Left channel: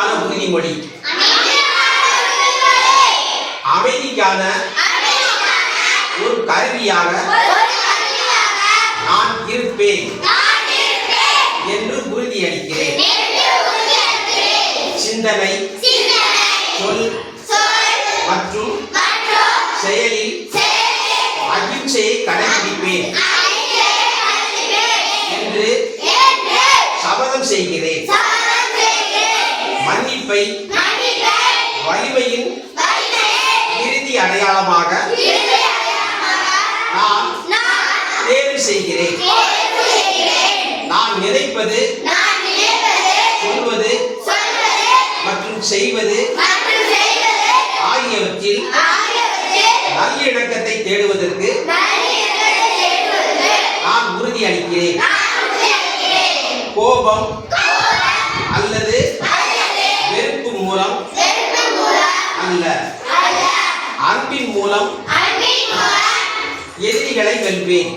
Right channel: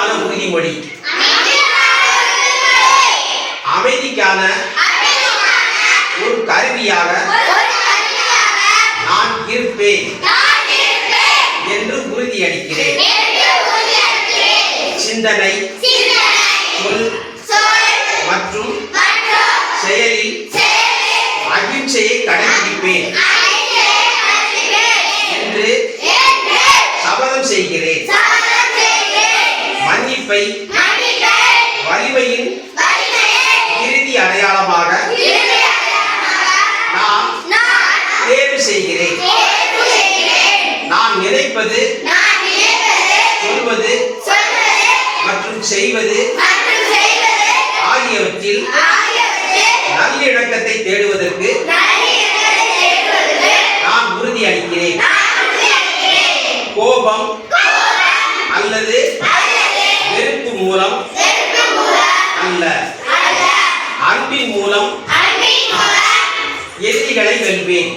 ஆன உறுதிமொழி அமைதிக்கான ஒரு கருவியாக நான் இருப்பேன் என்று உறுதியளிக்கிறேன். சிந்தனை சொல் மற்றும் செயலில் அகிம்சையை கடைபிடிப்பேன் என்று சபதம் செய்கிறேன் மன்னிப்பை வலிமையின் இறுதி அடையாளமாக நான் தேர்வு செய்கிறேன். நான் நினைப்பது சொல்வது மற்றும் செய்வது ஆகியவற்றில் நல்லிணக்கத்தை தேடுவதற்கு நான் உறுதி அளிக்கிறேன் கோபம் அல்லது அல்ல. அன்பின் மூலம் எதிரிகளை வெல்வேன்.